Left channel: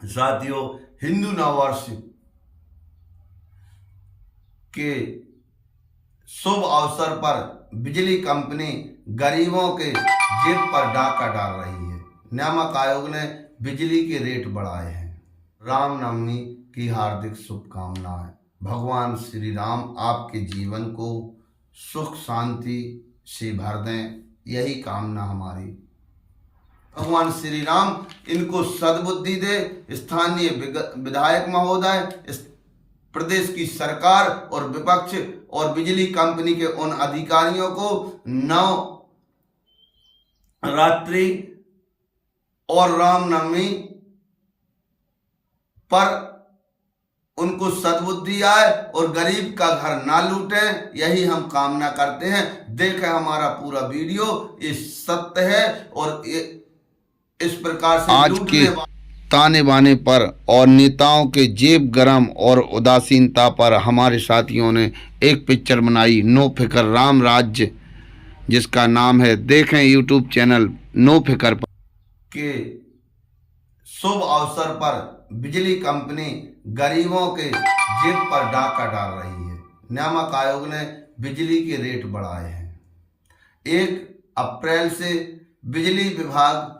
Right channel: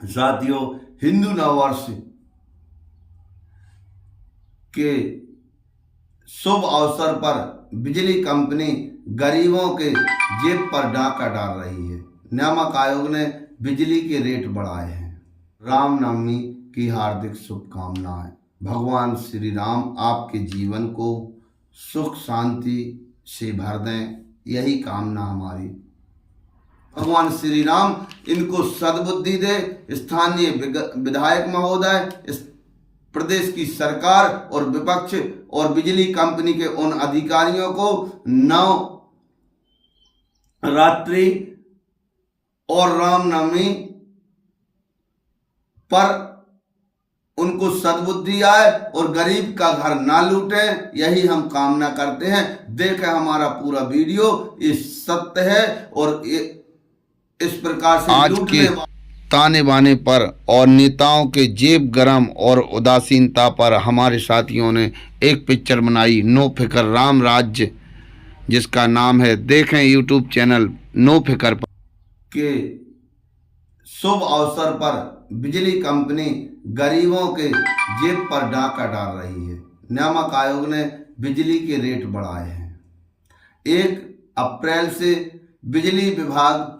साथियों, हिंदू नववर्ष के शुभ अवसर पर बिजली कंपनी गरीबों के जेब पर डाका डाल रही है। नियामक आयोग ने बिजली के रेट बढ़ाए हैं। रामनवमी की हार्दिक शुभकामनाएं। भगवान श्री राम आपके जीवन को सुख शांति से भर दें, यही कामना हमारी। भगवान श्री राम इनको सद्बुद्धि दे। स्थानीय विधायक महोदय, इस प्रदेश की सरकार और विपक्ष और बिजली कंपनी के उन अधिकारियों को नवरात्रि और रामनवमी पर उनको सद्बुद्धि आए और गरीब का घर ना लूटे, यही हम कामना करते हैं। देखें हमारा पूरा वीडियो, ये सत्य है और इस प्रकार से आज के ताने बाने पर और नेताओं के जेब गरम और उदासीनता पर हमारे साथियों ने एक पिक्चर बनाई, नो फिकर राम राज्य, जिसका नाम है, देखें यूट्यूब चैनल नो फिकर पर। के शुभ अवसर पर बिजली कंपनी गरीबों के जेब पर डाका डाल रही है। नियामक आयोग ने बिजली के रेट बढ़ाए हैं। 1 अप्रैल से बिजली विभाग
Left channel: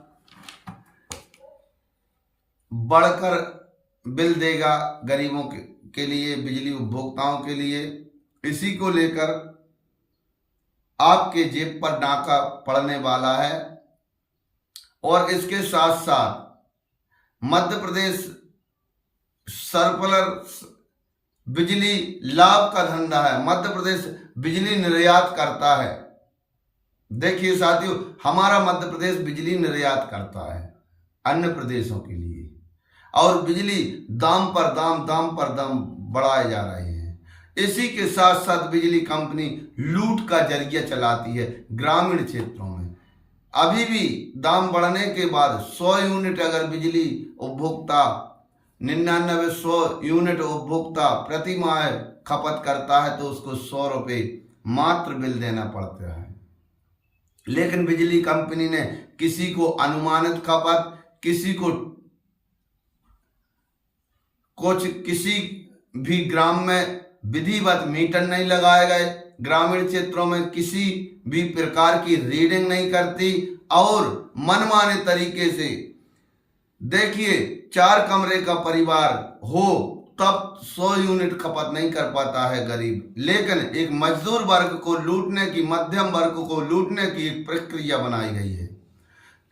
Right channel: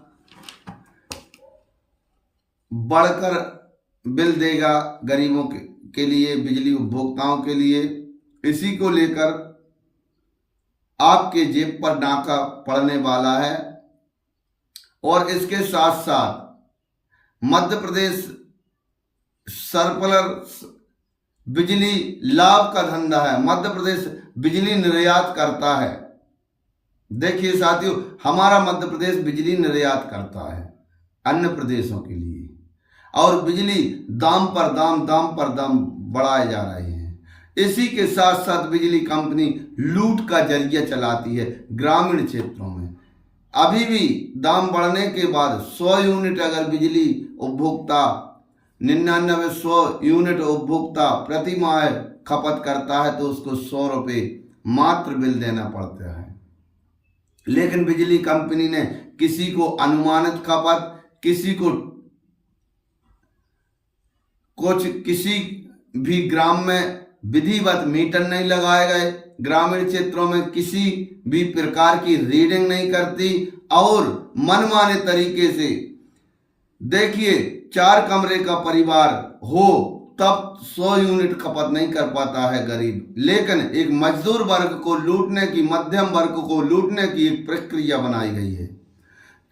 बढ़कर बिल देगा गरीबों के लिए, बिजली उपभोक्ताओं के लिए। इसी को लेकर आपके जेब पर डाका पड़ने वाला है। और इसके साथ साथ मध्य प्रदेश सरप्लस बिजली लाभ का धंधा है। मध्य प्रदेश बिजली निर्यात करता है। देखिए साथियों, हमारा मध्य प्रदेश बिजली निर्यात करता है अन्य प्रदेशों के लिए, और बिजली दाम पर दाम बढ़ाए जा रहे हैं। इसी के साथ साथ बिजली कंपनी लूट का जरिया चलाती है ग्रामीण क्षेत्रों में। अभी भी दाम बढ़ने के बाद 100 यूनिट अगर बिजली उपभोक्ता 99-100 यूनिट उपभोक्ता प्रति माह खपत करता है तो उसको 100 रुपये मात्र बिल देना पड़ता है। लेकिन बिजली कंपनी ने किसी को अनुमानित खपत, किसी को किसी भी ग्राम में विधिवत मीटर नहीं लगाए गए, ग्रामीण क्षेत्रों में किसी भी प्रकार की रीडिंग नहीं करती और मनमाने तरीके से, देखिए 4 कमरे का परिवार हो तब 100 यूनिट खपत नहीं कर पाता है गरीब। लेकिन एक मजदूर वर्ग को लूटने की, मध्यम वर्ग को लूटने की एक प्रक्रिया बनाई गई है।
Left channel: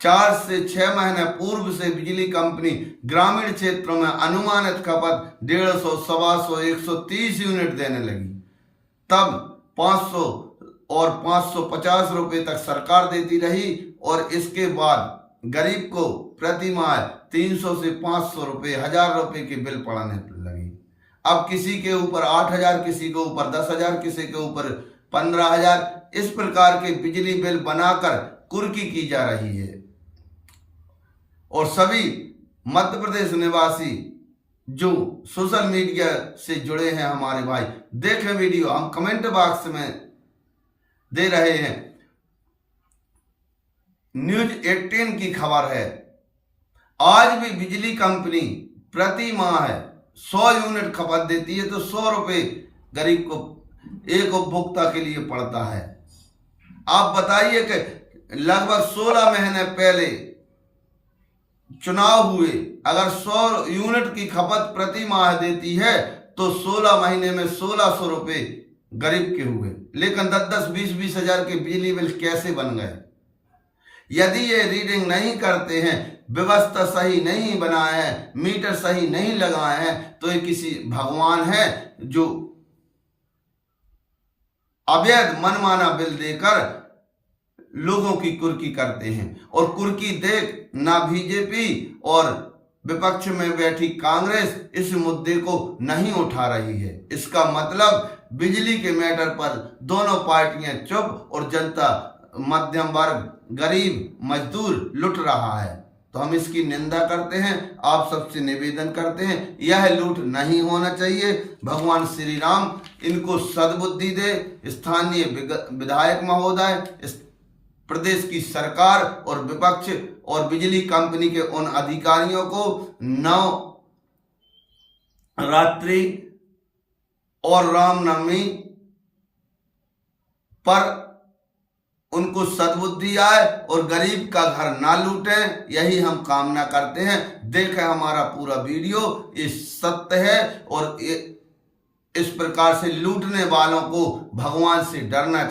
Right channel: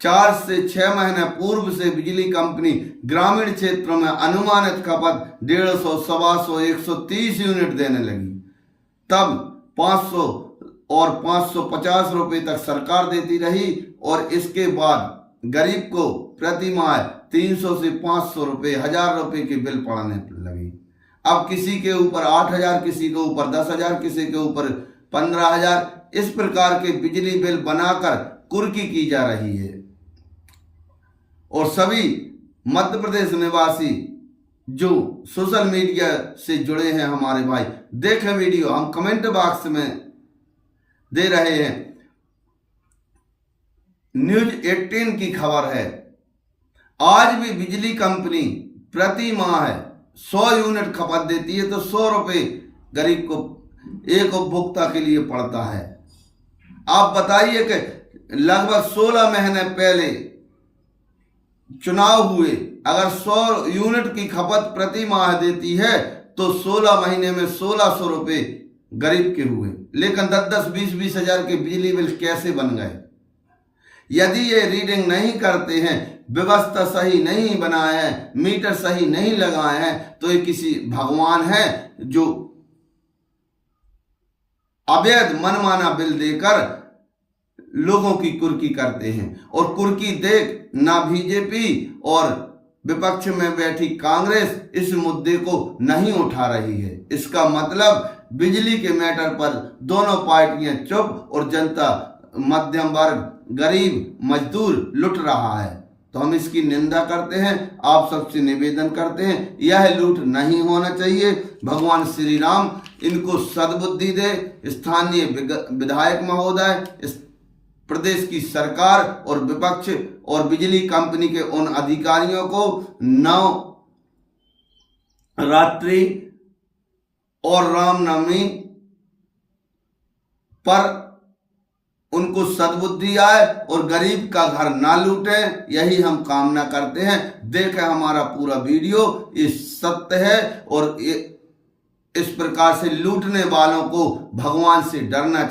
4 से 6 महीने पूर्व से बिजली कंपनी ग्रामीण क्षेत्रों में अनुमानित खपत 150, 125, 130 यूनिट देने लगी। तब 500 और 550 रुपये तक सरकार देती रही और इसके बाद गरीब को प्रति माह 300 से 500 रुपये, 1000 रुपये के बिल पड़ने लगी। अब किसी के ऊपर 8000, किसी के ऊपर 10,000, किसी के ऊपर 15,000, इस प्रकार के बिजली बिल बनाकर कुर्की की जा रही है। और सभी मध्य प्रदेश निवासी जो सोशल मीडिया से जुड़े हैं हमारे भाई, देखें वीडियो, हम कमेंट बॉक्स में दे रहे हैं। न्यूज 18 की खबर है, आज भी बिजली कंपनी प्रति माह 100 यूनिट खपत देती है तो 100 रुपये गरीब को एक उपभोक्ता के लिए पड़ता है। आप बताइए कि लगभग 16 महीने पहले चुनाव हुए, अगर 100 यूनिट की खपत प्रति माह देती है तो 16 महीने में 1600 रुपये गरीब के हुए। लेकिन 10-10, 20-20 हजार के बिजली बिल कैसे बन गए? यदि ये रीडिंग नहीं करते हैं, व्यवस्था सही नहीं बनाए हैं, मीटर सही नहीं लगाए हैं, तो ये किसी भगवान है जो अवैध मनमाना बिल देकर लोगों की कुर्की करते हैं। और कुर्की देख ना बीजेपी और विपक्ष में बैठी कांग्रेस इस मुद्दे को नहीं उठा रही है। इसका मतलब बिजली के मैटर पर दोनों पार्टियां चुप और जनता, मध्यम वर्ग, गरीब, मजदूर लुट रहा है। तो हम इसकी निंदा करते हैं, आप सबसे निवेदन करते हैं, यह लूट नहीं होना चाहिए। भगवान श्री राम इनको सद्बुद्धि दे। स्थानीय विधायक महोदय, प्रदेश की सरकार और विपक्ष और बिजली कंपनी के उन अधिकारियों को नवरात्रि और रामनवमी पर उनको सद्बुद्धि आए और गरीब का घर ना लूटें, यही हम कामना करते हैं। देखें हमारा पूरा वीडियो, ये सत्य है और इस प्रकार से लूटने वालों को भगवान से डरना चाहिए।